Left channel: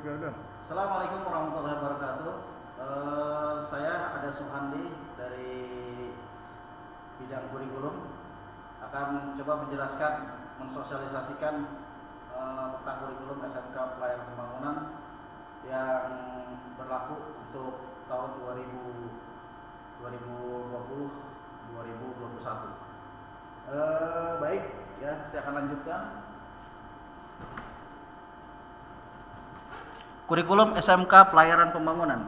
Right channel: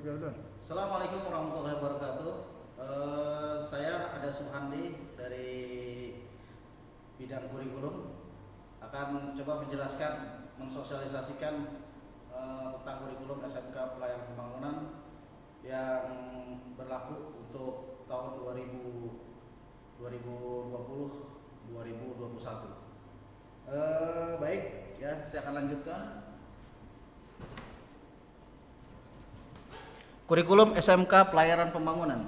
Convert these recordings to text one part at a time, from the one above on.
Assalamualaikum warahmatullahi wabarakatuh. Saya ada Suhandi dari bidang kurikulum akan coba menjelaskan, mensosialisasikan tentang kurikulum SMK Pelayaran Pembangunan yang berlaku untuk tahun 2020-2021. Baik, ya saya akan lanjutkan. Kurikulum SMK Pelayaran Pembangunan.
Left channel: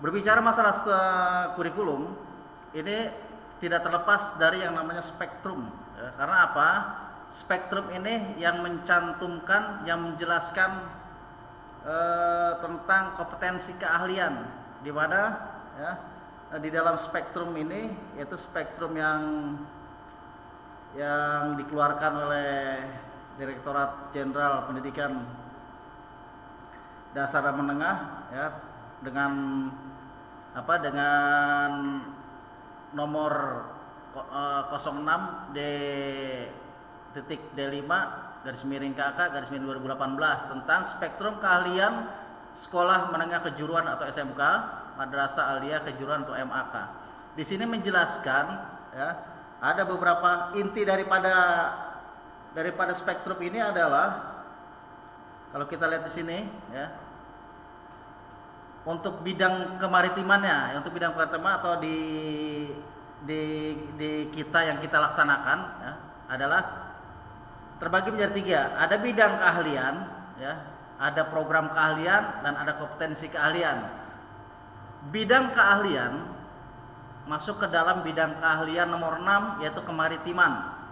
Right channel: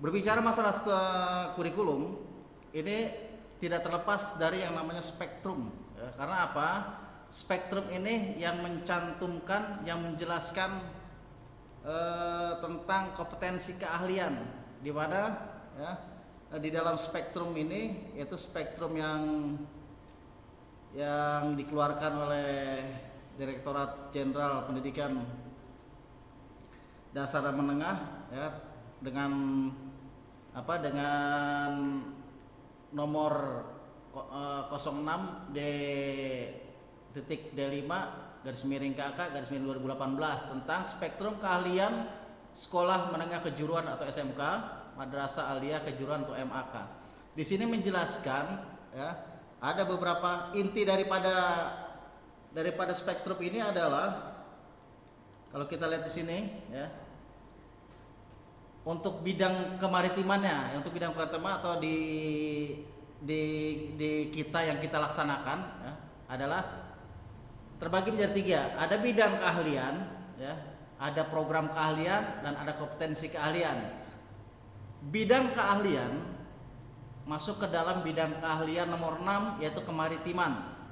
Berbicara masalah kurikulum, ini tidak terlepas dari yang namanya spektrum. Ya, karena apa? Spektrum ini yang mencantumkan, yang menjelaskan tentang kompetensi keahlian, di mana ya, di dalam spektrum ini yaitu spektrum yang dikeluarkan oleh Direktorat Jenderal Pendidikan Dasar dan Menengah, ya, dengan nomor 06D.D5/KK/2018 tentang spektrum keahlian sekolah menengah kejuruan atau SMK, Madrasah Aliyah Kejuruan atau MAK. Di sini menjelaskan, ya, ada beberapa inti daripada spektrum ini adalah, kalau kita lihat di sini, ya, untuk bidang kemaritimannya, untuk bidang kemaritiman atau di kita yang kita laksanakan, ya, adalah terbagi menjadi 3. Ada bidang keahlian, ya, ada program keahlian, dan ada kompetensi keahlian. Bidang keahlian masuk ke dalam bidang keahlian nomor 6, yaitu kemaritiman.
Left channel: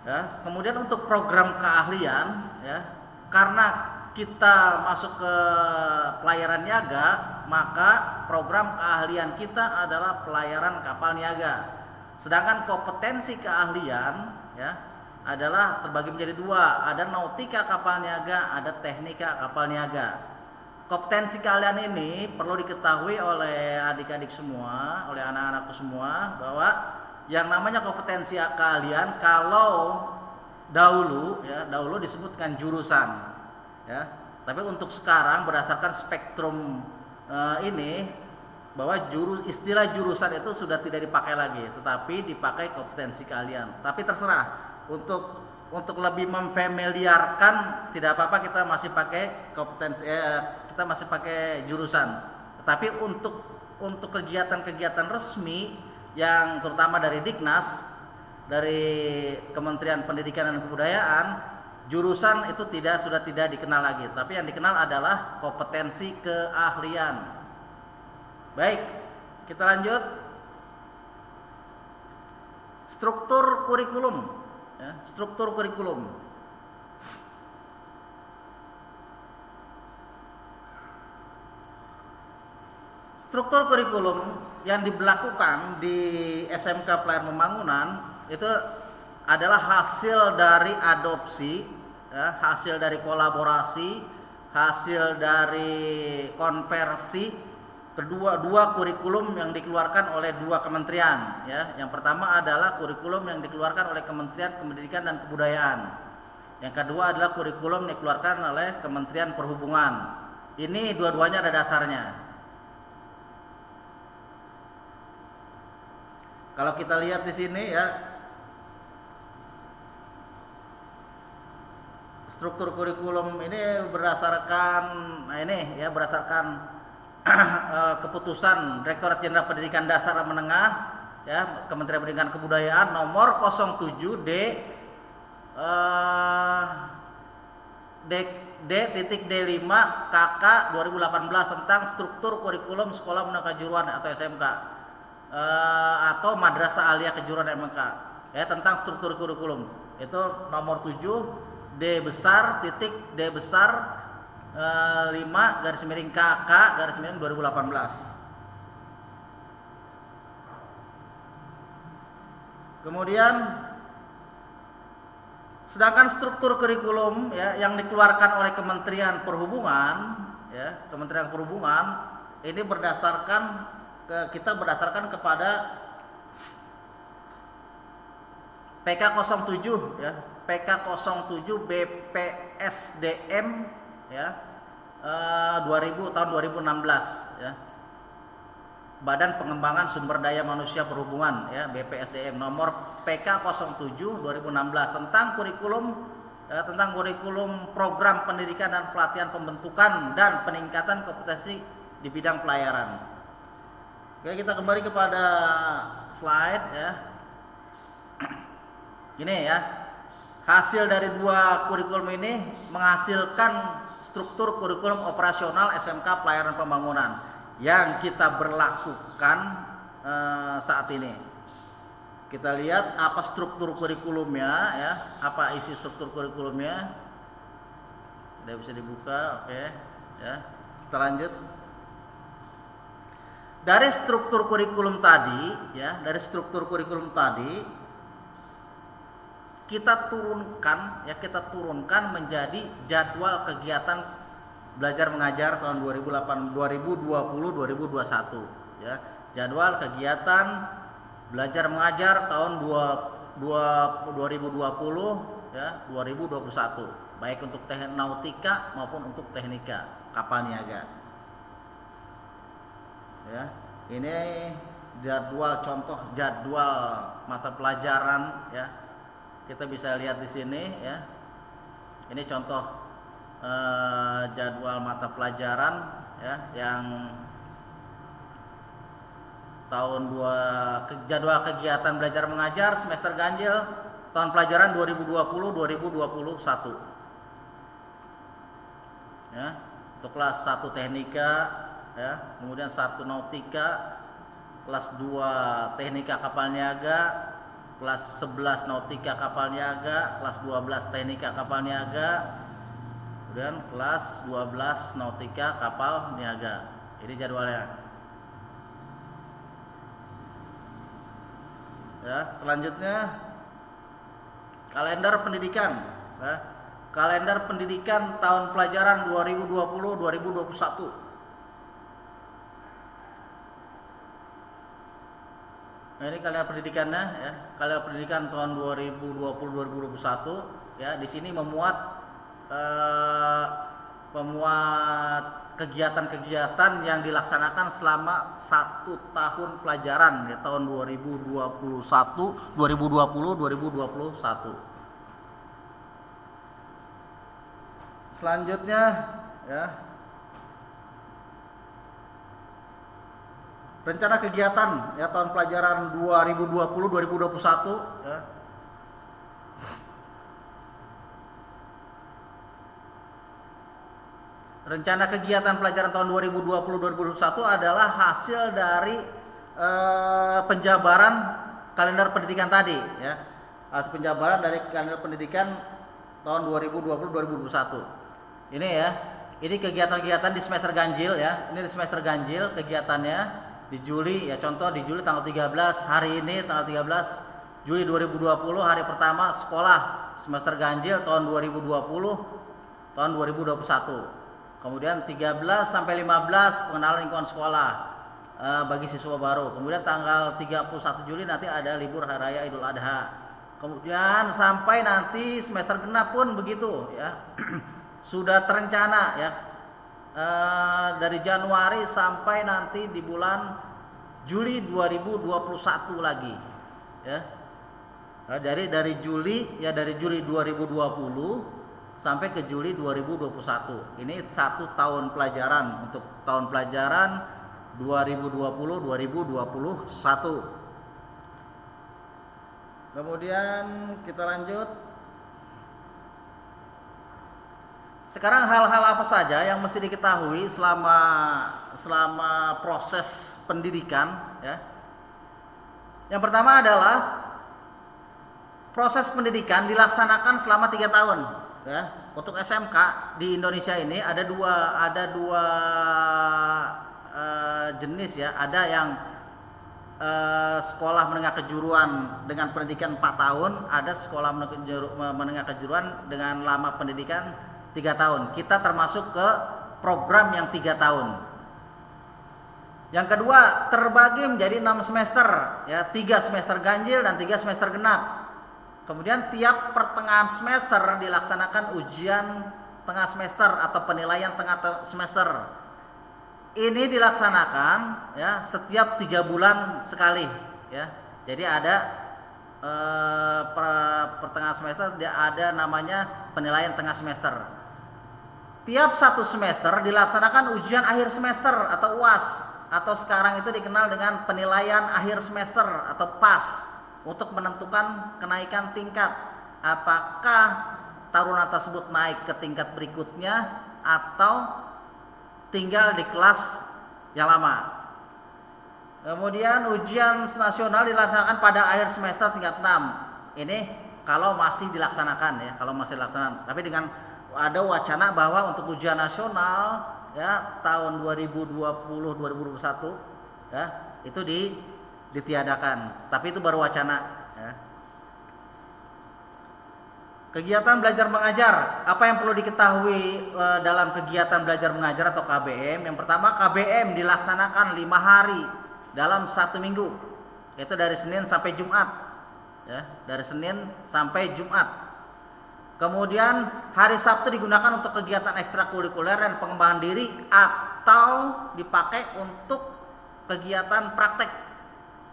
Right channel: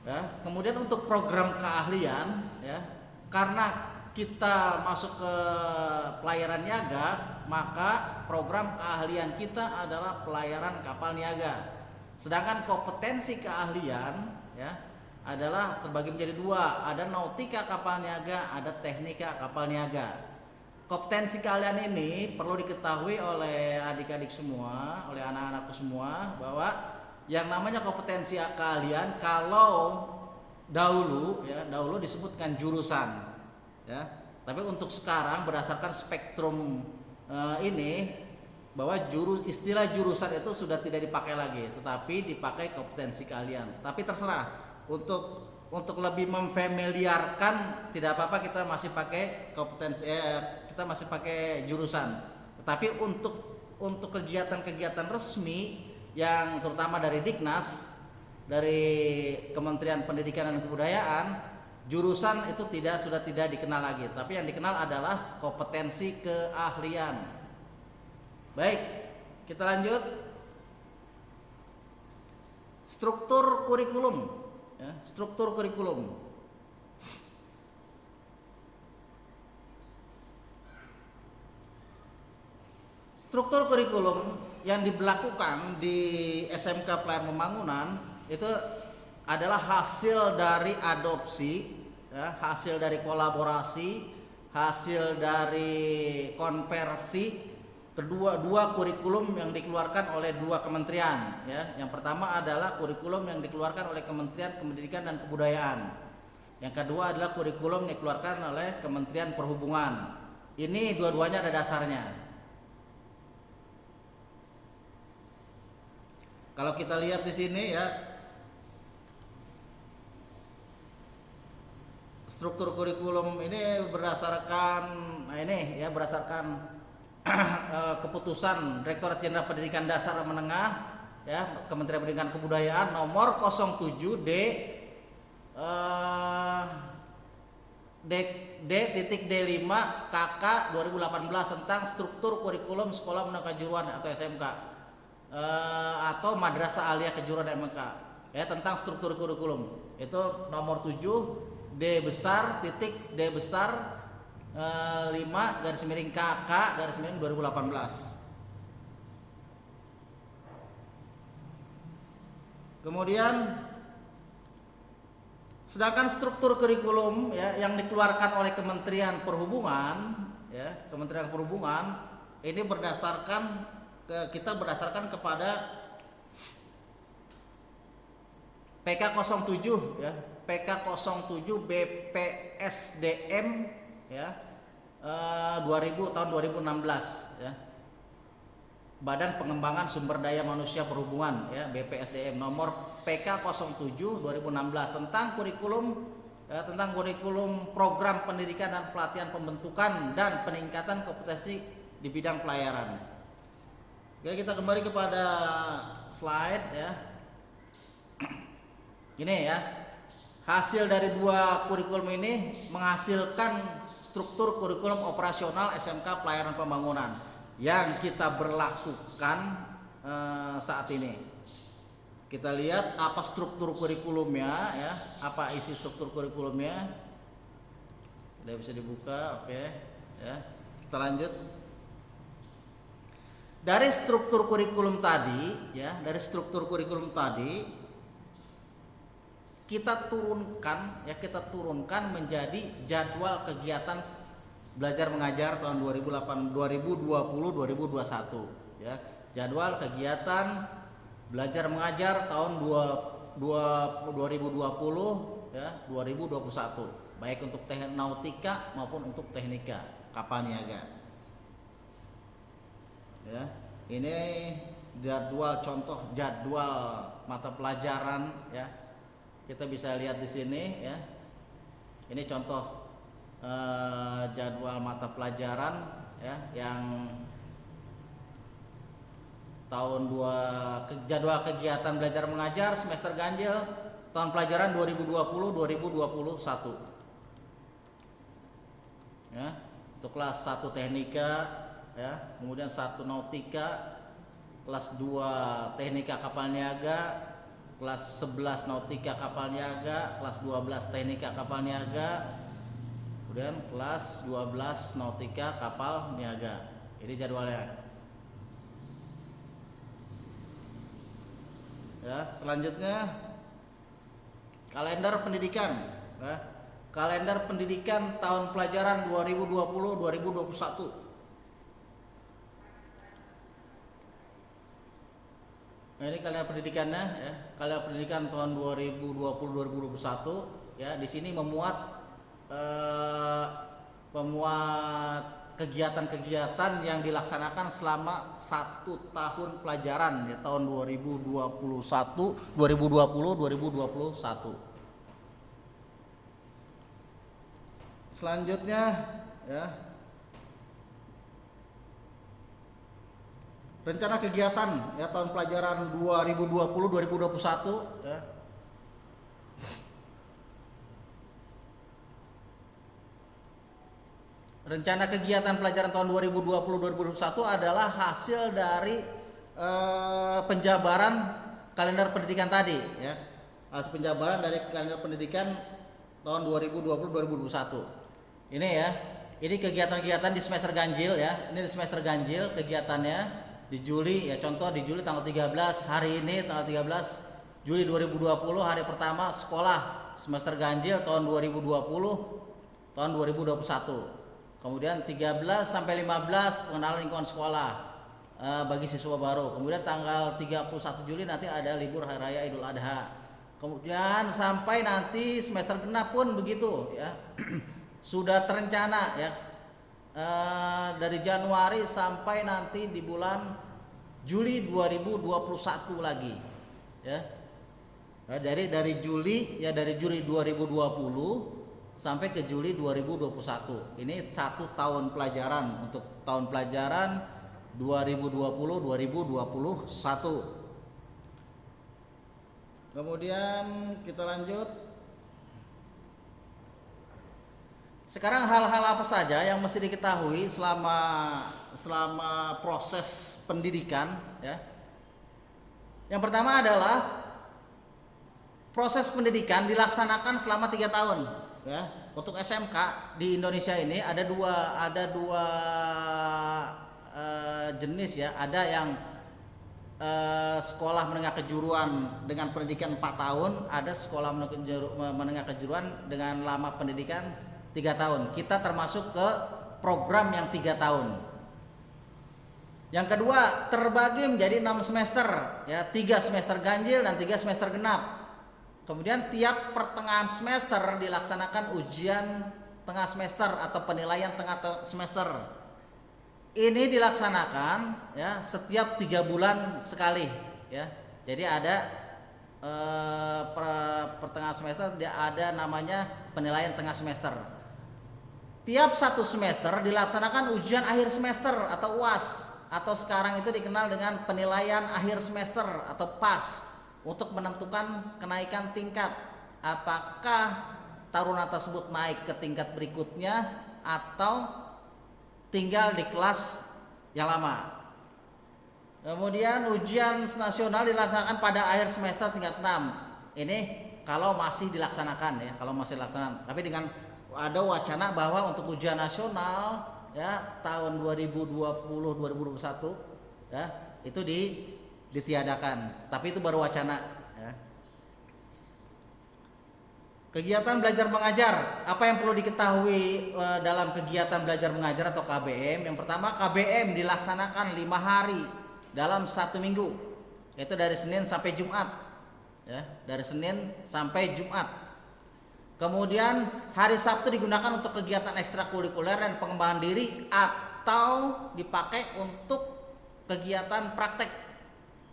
Ya, kemudian untuk program keahlian, ya, karena kita masuk ke pelayaran niaga, maka program keahlian kita adalah pelayaran kapal niaga. Sedangkan kompetensi keahlian, ya, adalah terbagi menjadi 2, ada nautika kapal niaga, ada teknika kapal niaga. Kompetensi keahlian ini perlu diketahui oleh adik-adik semua, oleh anak-anakku semua, bahwa yang namanya kompetensi keahlian, kalau dahulu disebutkan jurusan, ya. Tapi untuk sekarang berdasarkan spektrum ini, bahwa istilah jurusan itu sudah tidak dipakai lagi, tetapi dipakai kompetensi keahlian. Tapi terserah, untuk lebih memfamiliarkan, tidak apa-apa kita masih pakai kompetensi, kita masih pakai jurusan. Tetapi untuk kegiatan-kegiatan resmi yang terutama dari Diknas, dari Kementerian Pendidikan dan Kebudayaan, jurusan itu sudah tidak dikenal lagi, tapi yang dikenal adalah kompetensi keahlian. Baik, kita lanjut. Struktur kurikulum, ya, struktur kurikulum. Struktur kurikulum yang diberlakukan di SMK Pelayaran Pembangunan itu adalah hasil dari adopsi, ya, hasil dari kolaborasi, hasil dari konversi dua kurikulum yang dikeluarkan oleh 2 kementerian, ya. Yang pertama adalah kurikulum yang dikeluarkan oleh Kementerian Pendidikan dan Kebudayaan. Yang kedua adalah kurikulum yang dikeluarkan oleh Kementerian Perhubungan. Ini dua-duanya ada dasarnya. Kalau kita lihat di sini, ya, struktur kurikulum ini berdasarkan keputusan Direktorat Jenderal Pendidikan Dasar dan Menengah, ya, Kementerian Pendidikan dan Kebudayaan nomor 07 D.D5 KK/2018 tentang struktur kurikulum sekolah menengah kejuruan atau SMK, atau Madrasah Aliyah Kejuruan MK, ya, tentang struktur kurikulum. Itu nomor 7 D/5/KK/2018. Kemudian sedangkan struktur kurikulum, ya, yang dikeluarkan oleh Kementerian Perhubungan, ya, Kementerian Perhubungan ini kita berdasarkan kepada PK07 ya, PK07 BPSDM ya, 2000 tahun 2016 ya. Badan Pengembangan Sumber Daya Manusia Perhubungan ya, BPSDM nomor PK07 2016 tentang kurikulum ya, tentang kurikulum program pendidikan dan pelatihan pembentukan dan peningkatan kompetensi di bidang pelayaran. Oke, kita kembali kepada slide ya. Gini ya. Hasil dari dua kurikulum ini menghasilkan struktur kurikulum operasional SMK Pelayaran Pembangunan yang kita berlakukan saat ini. Kita lihat apa struktur kurikulumnya ya, apa isi struktur kurikulumnya. Sudah bisa dibuka, oke ya. Kita lanjut. Dari struktur kurikulum tadi ya, dari struktur kurikulum tadi kita turunkan menjadi jadwal kegiatan belajar mengajar tahun 2020-2021 ya. Jadwal kegiatan belajar mengajar tahun 2020 ya 2021, baik untuk teknik nautika maupun untuk teknika kapal niaga. Ya, ini contoh jadwal mata pelajaran ya. Kita bisa lihat di sini ya. Ini contoh jadwal mata pelajaran ya, yang jadwal kegiatan belajar mengajar semester ganjil tahun pelajaran 2020-2021 ya, untuk kelas 1 teknika ya, kemudian 1 nautika, kelas 2 teknika kapal niaga, kelas 11 nautika kapal niaga, kelas 12 teknika kapal niaga, kemudian kelas 12 nautika kapal niaga. Ini jadwalnya. Ya, selanjutnya kalender pendidikan. Ya, kalender pendidikan tahun pelajaran 2020-2021. Nah, ini kalender pendidikannya ya. Kalender pendidikan tahun 2020-2021 ya. Di sini memuat kegiatan-kegiatan yang dilaksanakan selama 1 tahun pelajaran ya, tahun 2021. Selanjutnya ya, rencana kegiatan ya tahun pelajaran 2020-2021 ya. Rencana kegiatan pelajaran tahun 2020-2021 adalah hasil dari penjabaran kalender pendidikan tadi ya. Hasil penjabaran dari kalender pendidikan tahun 2020-2021. Ini ya. Ini kegiatan-kegiatan di semester ganjil ya. Ini di semester ganjil kegiatannya di Juli ya. Contoh di Juli tanggal 13, hari ini tanggal 13 Juli 2020, hari pertama sekolah semester ganjil tahun 2020 tahun 2021. Kemudian 13 sampai 15 pengenalan lingkungan sekolah bagi siswa baru. Kemudian tanggal 31 Juli nanti ada libur hari raya Idul Adha. Kemudian sampai nanti semester genap pun begitu ya. Sudah terencana ya. Dari Januari sampai nanti di bulan Juli 2021 lagi ya. Jadi dari Juli 2020 sampai ke Juli 2021. Ini 1 tahun pelajaran untuk tahun pelajaran 2020-2021. Kemudian kita lanjut. Sekarang hal-hal apa saja yang mesti diketahui selama proses pendidikan ya. Yang pertama adalah proses pendidikan dilaksanakan selama 3 tahun. Ya, untuk SMK di Indonesia ini ada dua jenis ya. Ada yang sekolah menengah kejuruan dengan pendidikan 4 tahun, ada sekolah menengah kejuruan dengan lama pendidikan 3 tahun. Kita termasuk ke program yang 3 tahun. Yang kedua terbagi menjadi 6 semester ya, 3 semester ganjil dan 3 semester genap. Kemudian tiap pertengahan semester dilaksanakan ujian tengah semester atau penilaian tengah semester. Ini dilaksanakan ya setiap 3 bulan sekali ya. Jadi ada pertengahan semester ada namanya penilaian tengah semester. Tiap 1 semester dilaksanakan ujian akhir semester atau UAS, atau sekarang itu dikenal dengan penilaian akhir semester atau PAS, untuk menentukan kenaikan tingkat, apakah taruna tersebut naik ke tingkat berikutnya atau tinggal di kelas yang lama. Kemudian ujian nasional dilaksanakan pada akhir semester tingkat 6. Ini kalau masih dilaksanakan ya, kalau masih dilaksanakan. Tapi dengan ada wacana bahwa untuk ujian nasional ya tahun 2020-2021 ya itu ditiadakan, tapi itu baru wacana ya. Kegiatan belajar mengajar, apa yang perlu diketahui dalam kegiatan belajar mengajar atau KBM? Yang pertama, KBM dilaksanakan 5 hari dalam 1 minggu, yaitu dari Senin sampai Jumat ya, dari Senin sampai Jumat. Kemudian hari Sabtu digunakan untuk kegiatan ekstrakurikuler dan pengembangan diri atau dipakai untuk kegiatan praktek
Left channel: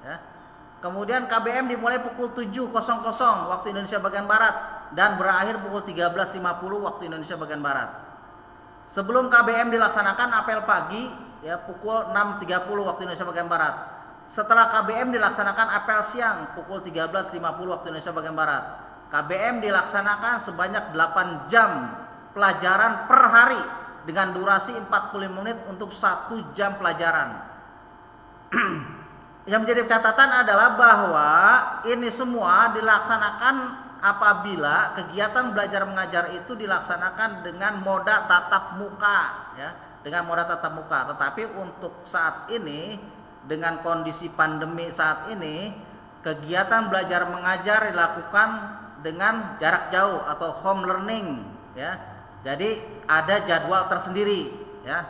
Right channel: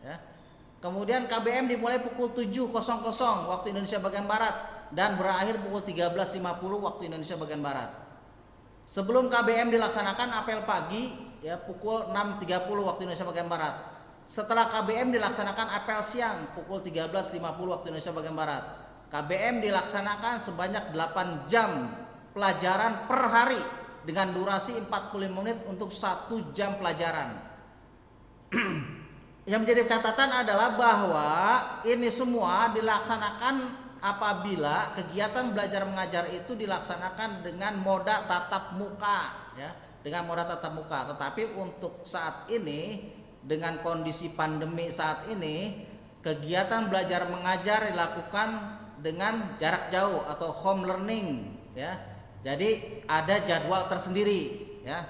ya. Kemudian KBM dimulai pukul 7.00 waktu Indonesia bagian Barat dan berakhir pukul 13.50 waktu Indonesia bagian Barat. Sebelum KBM dilaksanakan apel pagi ya pukul 6.30 waktu Indonesia bagian Barat. Setelah KBM dilaksanakan apel siang pukul 13.50 waktu Indonesia bagian Barat. KBM dilaksanakan sebanyak 8 jam pelajaran per hari dengan durasi 45 menit untuk 1 jam pelajaran. Yang menjadi catatan adalah bahwa ini semua dilaksanakan apabila kegiatan belajar mengajar itu dilaksanakan dengan moda tatap muka ya, dengan moda tatap muka. Tetapi untuk saat ini dengan kondisi pandemi saat ini, kegiatan belajar mengajar dilakukan dengan jarak jauh atau home learning ya. Jadi ada jadwal tersendiri ya.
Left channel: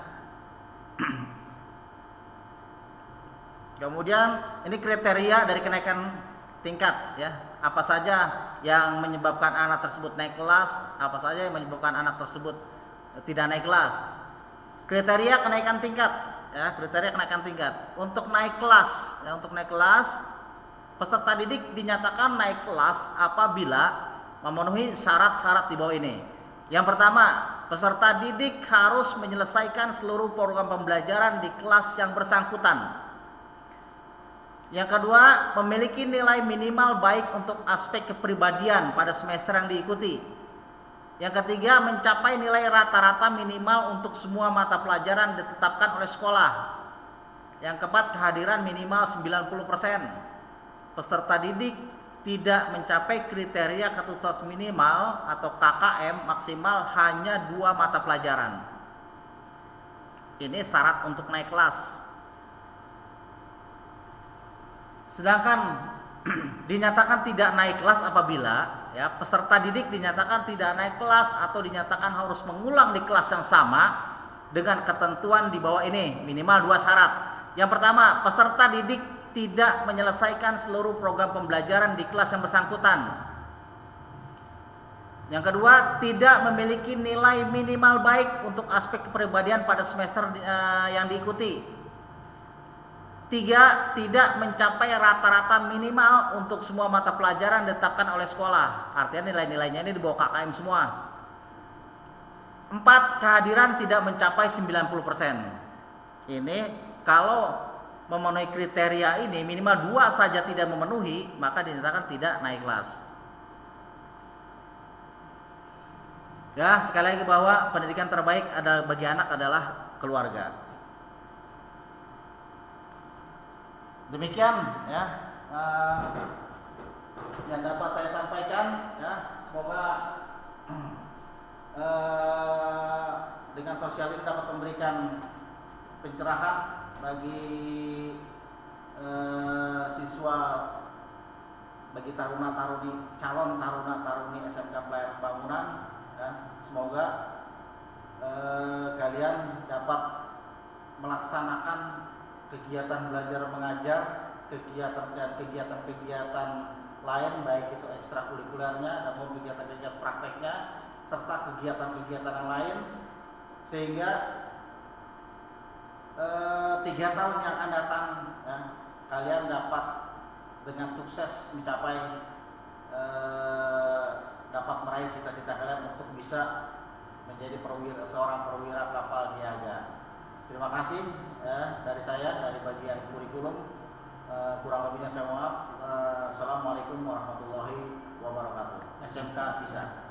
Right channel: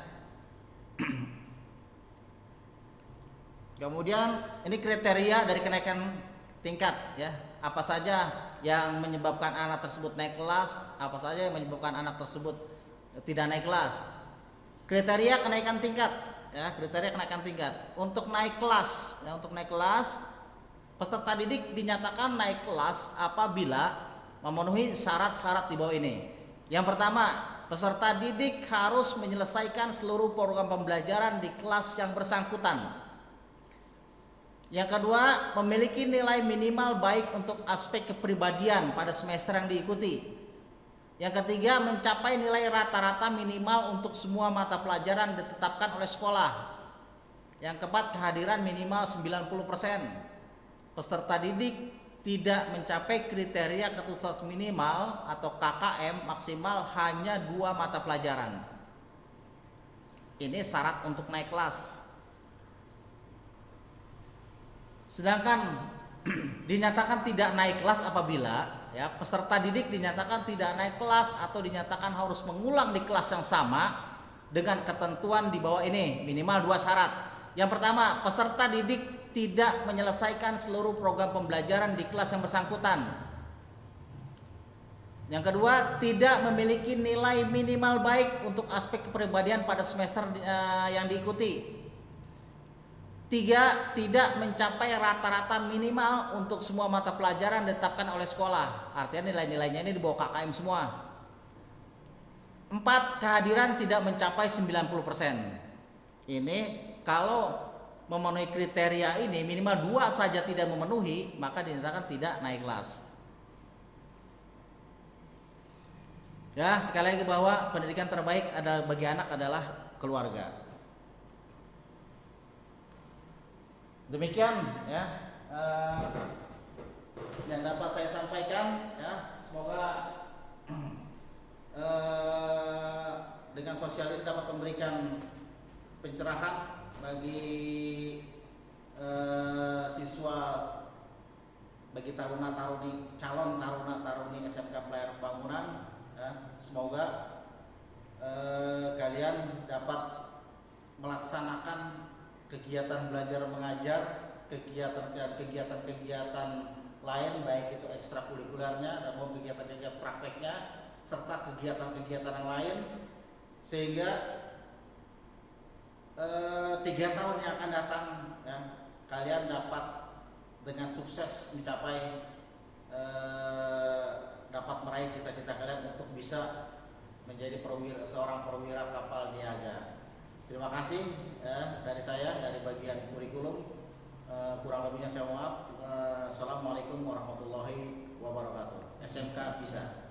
Kemudian ini kriteria dari kenaikan tingkat ya. Apa saja yang menyebabkan anak tersebut naik kelas, apa saja yang menyebabkan anak tersebut tidak naik kelas. Kriteria kenaikan tingkat ya, kriteria kenaikan tingkat. Untuk naik kelas ya, untuk naik kelas peserta didik dinyatakan naik kelas apabila memenuhi syarat-syarat di bawah ini. Yang pertama, peserta didik harus menyelesaikan seluruh program pembelajaran di kelas yang bersangkutan. Yang kedua, memiliki nilai minimal baik untuk aspek kepribadian pada semester yang diikuti. Yang ketiga, mencapai nilai rata-rata minimal untuk semua mata pelajaran ditetapkan oleh sekolah. Yang keempat, kehadiran minimal 90%. Peserta didik tidak mencapai kriteria ketuntas minimal atau KKM maksimal hanya 2 mata pelajaran. Ini syarat untuk naik kelas. Sedangkan dinyatakan tidak naik kelas apabila ya peserta didik dinyatakan tidak naik kelas atau dinyatakan harus mengulang di kelas yang sama dengan ketentuan di bawah ini, minimal 2 syarat. Yang pertama, peserta didik tidak menyelesaikan seluruh program pembelajaran di kelas yang bersangkutan. Yang kedua, tidak memiliki nilai minimal baik untuk aspek kepribadian pada semester yang diikuti. 3, tidak mencapai rata-rata minimal untuk semua mata pelajaran ditetapkan oleh sekolah. Artinya nilai-nilainya ini di bawah KKM semua. 4, kehadiran tidak mencapai 90%. Ini kalau memenuhi kriteria ini minimal 2 saja tidak memenuhi, maka dinyatakan tidak naik kelas. Ya, sekali lagi bahwa pendidikan terbaik bagi anak adalah keluarga. Demikian ya yang dapat saya sampaikan ya. Semoga dengan sosial ini dapat memberikan pencerahan bagi siswa, bagi taruna-taruni, calon taruna-taruni SMK Pelayaran Bangunan ya. Semoga kalian dapat melaksanakan kegiatan belajar mengajar, kegiatan lain, baik itu ekstrakurikulernya dan maupun kegiatan-kegiatan prakteknya serta kegiatan-kegiatan yang lain, sehingga 3 tahun yang akan datang ya, kalian dapat dengan sukses mencapai dapat meraih cita-cita kalian untuk bisa menjadi seorang perwira kapal niaga. Terima kasih dari saya, dari bagian kurikulum. Kurang lebihnya saya mohon maaf. Assalamualaikum warahmatullahi wabarakatuh. SMK bisa.